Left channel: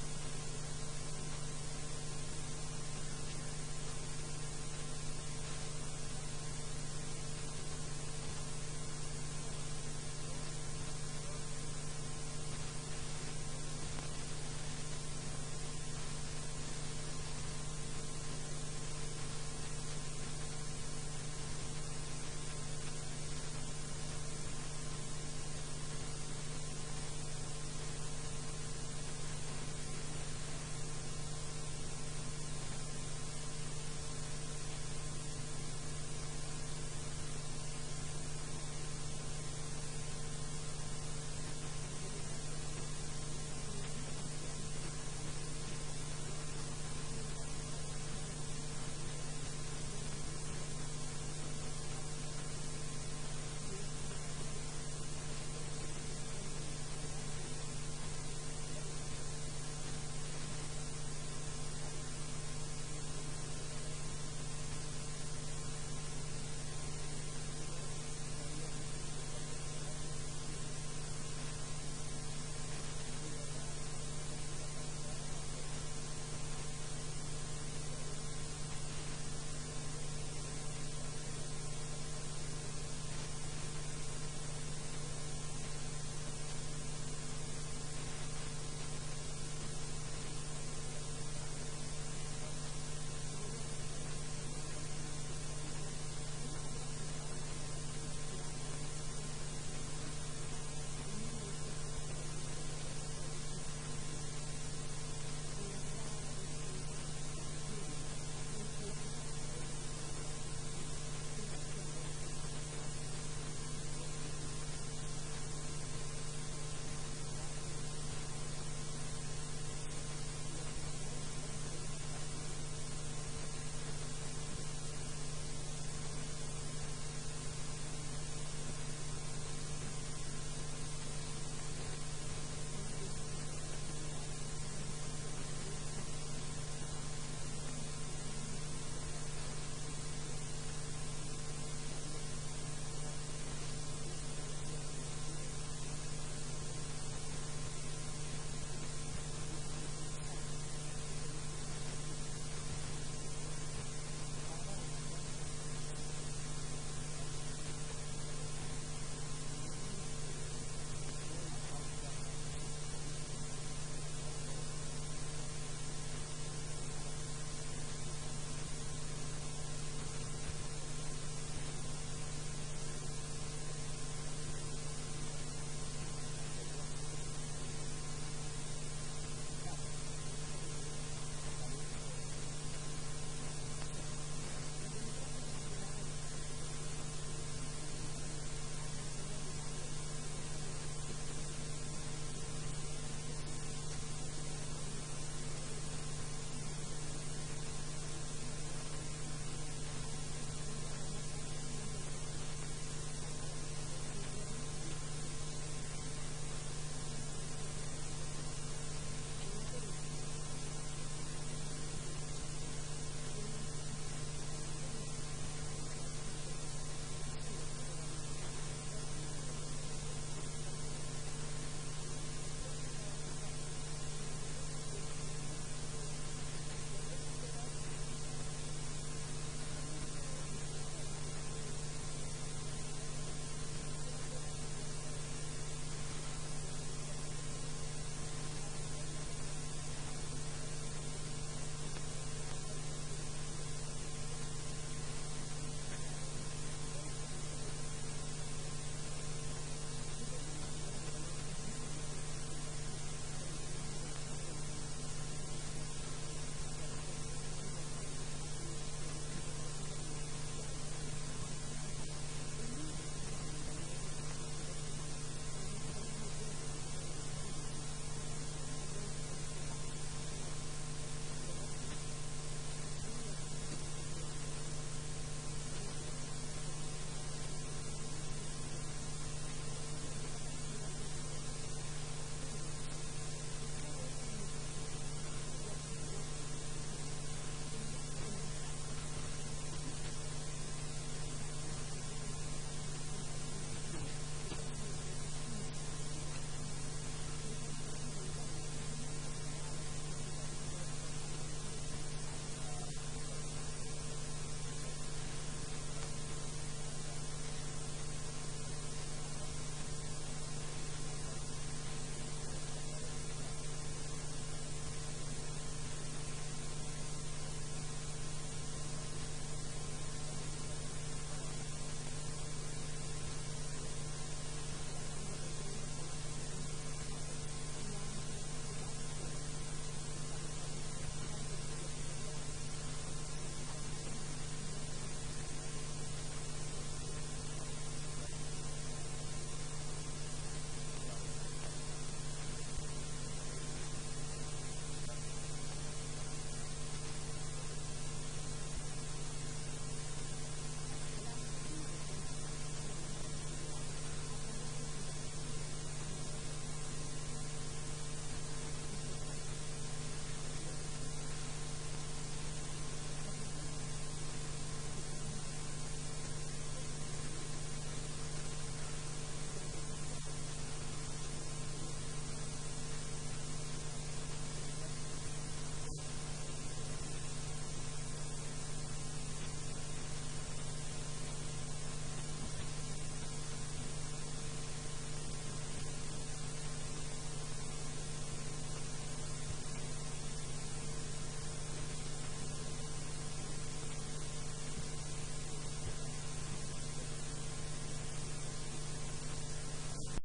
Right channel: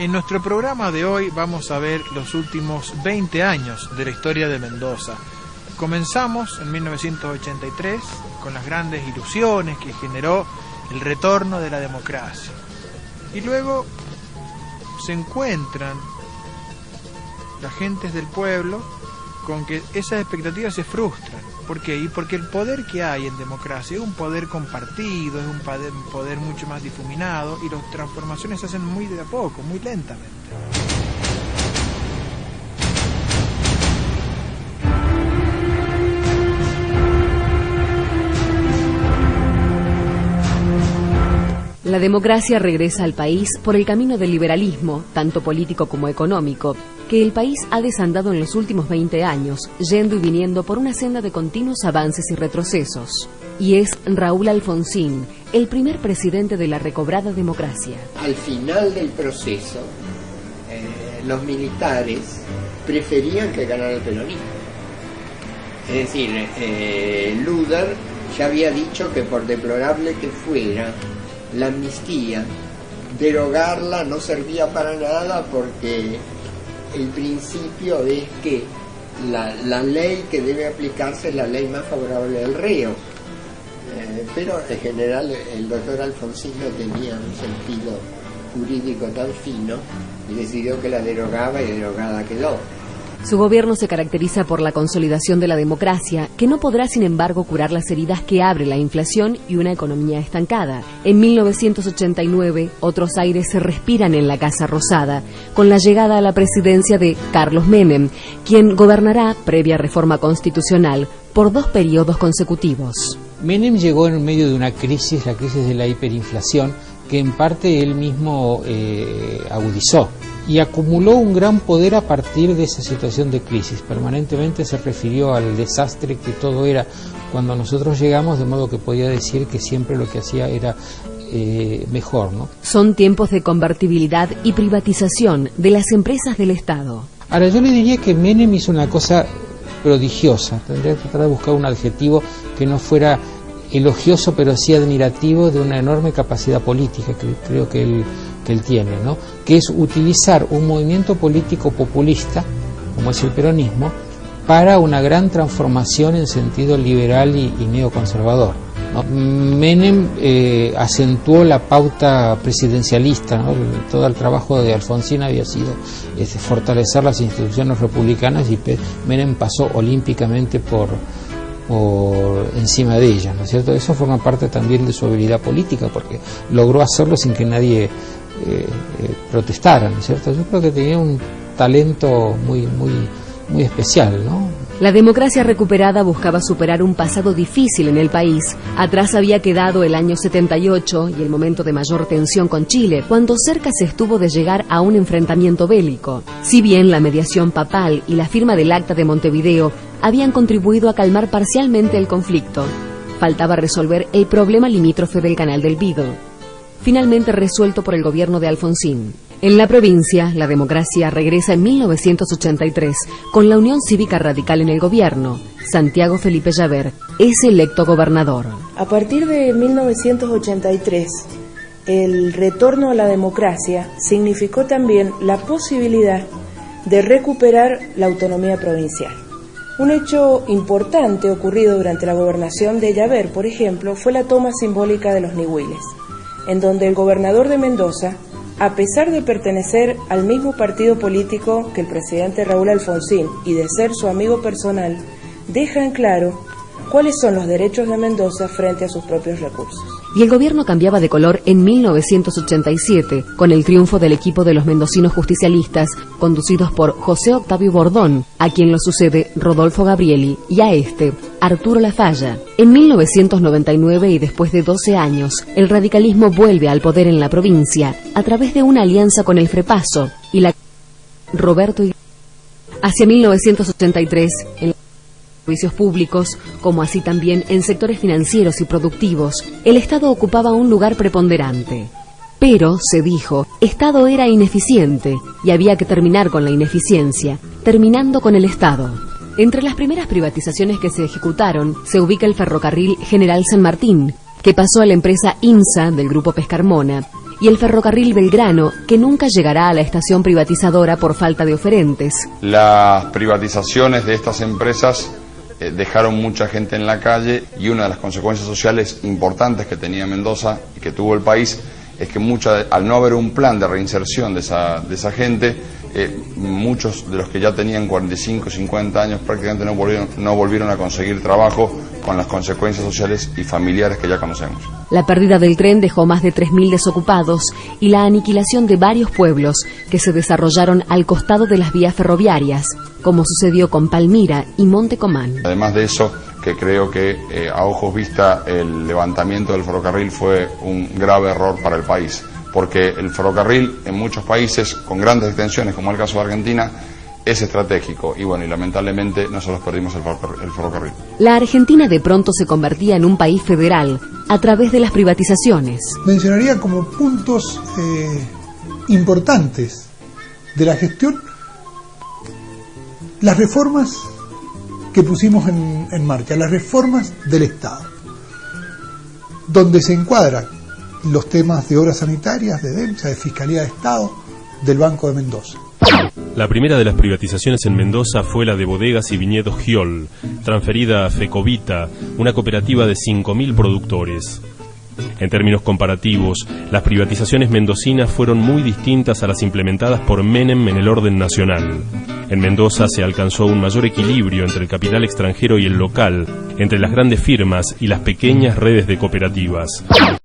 En nuestro programa de hoy vamos a ver los últimos 20 años de la historia de Mendoza. Comenzamos en 1983 con las grandes ilusiones que generó el retorno de la democracia. Y luego se encuentran las gentes del pueblo con que esas expectativas se frustran. ¿Por qué? Y porque el poder que hay en democracia es un poder compartido, es un poder mucho más difuminado, y las transformaciones se hacen muy de a poco, muy lentamente. La democracia regresa al país por el camino del liberalismo, tanto político como económico, que el país ha desandado en los últimos 20 años, yendo y viniendo por una senda de continuos avances y retrocesos. Y es Raúl Alfonsín, el primer presidente de la recobrada democracia. Al final del proceso, los militares preferían que ganara el peronismo. Es decir, Luder ya había dicho que por deplorable que fuera la amnistía, derogarla no servía para nada, porque el principio es que la ley que debe aplicarse es la ley más favorable al reo. Pero en general el doctor Alfonsín no tenía un sentido jurídico tan fino y decidió que la derogaba, y derogada quedó. Su gobierno se caracteriza por la consolidación de la democracia, que no podrá sin embargo curar las heridas que abre la inflación y una economía estancada. En 1989, otros aires se respiran en la Casa Rosada, con la llegada a la presidencia de Carlos Menem, quien gobernará, previa reforma constitucional, por 2 periodos consecutivos. Menem llegó en medio de una crisis, la crisis de la hiperinflación, que en parte él mismo agudizó, y acumuló un gran poder a partir de esa situación de crisis. Permanentemente se refirió al desastre que todo era cuando nosotros llegamos, de modo que podía decir que siempre lo que hacía era mejor, ¿no? Son tiempos de convertibilidad y privatización de las empresas del Estado. Ahora, yo le diría que Menem hizo una cosa prodigiosa. Tendría que tratar de buscar un adjetivo que no fuera elogioso, pero sí admirativo, de una enorme capacidad política que creo que él tiene, ¿no? Que es utilizar un movimiento político populista, como es el peronismo, para una gran transformación en sentido liberal y neoconservador, ¿no? Menem acentuó la pauta presidencialista, ¿no? Todo el trabajo de Alfonsín había sido fortalecer las instituciones republicanas, y Menem pasó olímpicamente por encima de ellas, ¿no es cierto? Eso forma parte también de su habilidad política, porque logró hacerlo sin que nadie protestara, ¿no es cierto? Yo creo que tenía un talento muy especial, ¿no? La democracia recuperada buscaba superar un pasado difícil en el país. Atrás había quedado el año 78 y el momento de mayor tensión con Chile, cuando cerca se estuvo de llegar a un enfrentamiento bélico. Si bien la mediación papal y la firma del Acta de Montevideo habían contribuido a calmar parcialmente el conflicto, faltaba resolver el problema limítrofe del Canal del Beagle, finalmente resuelto por el gobierno de Alfonsín. En la provincia, la democracia regresa en 1983, con la Unión Cívica Radical en el gobierno. Santiago Felipe Llaver es electo gobernador. A partir de 1983, el retorno a la democracia significó también la posibilidad de recuperar la autonomía provincial. Un hecho importante ocurrido durante la gobernación de Llaver, por ejemplo, fue la toma simbólica de los Nihuiles, en donde el gobernador de Mendoza, a pesar de pertenecer al mismo partido político que el presidente Raúl Alfonsín y de ser su amigo personal, deja en claro cuáles son los derechos de Mendoza frente a sus propios recursos. Y el gobierno cambiaba de color en 1987, con el triunfo del equipo de los mendocinos justicialistas, conducidos por José Octavio Bordón, a quien lo sucede Rodolfo Gabrieli, y a Arturo Lafalla. En 1999, y después de 12 años, el radicalismo vuelve al poder en la provincia, a través de una alianza con el Frepaso y la Roberto Iglesias. Hacia 1983, en servicios públicos, como así también en sectores financieros y productivos, el Estado ocupaba un lugar preponderante. Pero, se dijo, Estado era ineficiente y había que terminar con la ineficiencia, terminando con el Estado. Entre las primeras privatizaciones que se ejecutaron se ubica el ferrocarril General San Martín, que pasó a la empresa INSA del Grupo Pescarmona, y el ferrocarril Belgrano, que nunca llegará a la estación privatizadora por falta de oferentes. Las privatizaciones de estas empresas dejaron mucha gente en la calle, y una de las consecuencias sociales importantes que tenía Mendoza y que tuvo el país es que al no haber un plan de reinserción de esa gente, muchos de los que ya tenían 45, 50 años prácticamente no volvieron a conseguir trabajo, con las consecuencias sociales y familiares que ya conocemos. La pérdida del tren dejó más de 3.000 desocupados y la aniquilación de varios pueblos que se desarrollaron al costado de las vías ferroviarias, como sucedió con Palmira y Monte Comán. Además de eso, que creo que a ojos vista el levantamiento del ferrocarril fue un grave error para el país, porque el ferrocarril en muchos países con grandes extensiones, como el caso de Argentina, es estratégico, y bueno, y lamentablemente nosotros perdimos el ferrocarril. La Argentina de pronto se convertía en un país federal a través de las privatizaciones. Mencionaría como puntos importantes de la gestión las reformas que pusimos en marcha, las reformas del Estado, donde se encuadran los temas de obras sanitarias, de DEMSA, de Fiscalía de Estado, del Banco de Mendoza. La primera de las privatizaciones en Mendoza fue la de Bodegas y Viñedos Giol, transferida a Fecovita, una cooperativa de 5.000 productores. En términos comparativos, las privatizaciones mendocinas fueron muy distintas a las implementadas por Menem en el orden nacional. En Mendoza se alcanzó un mayor equilibrio entre el capital extranjero y el local, entre las grandes firmas y las pequeñas redes de cooperativas.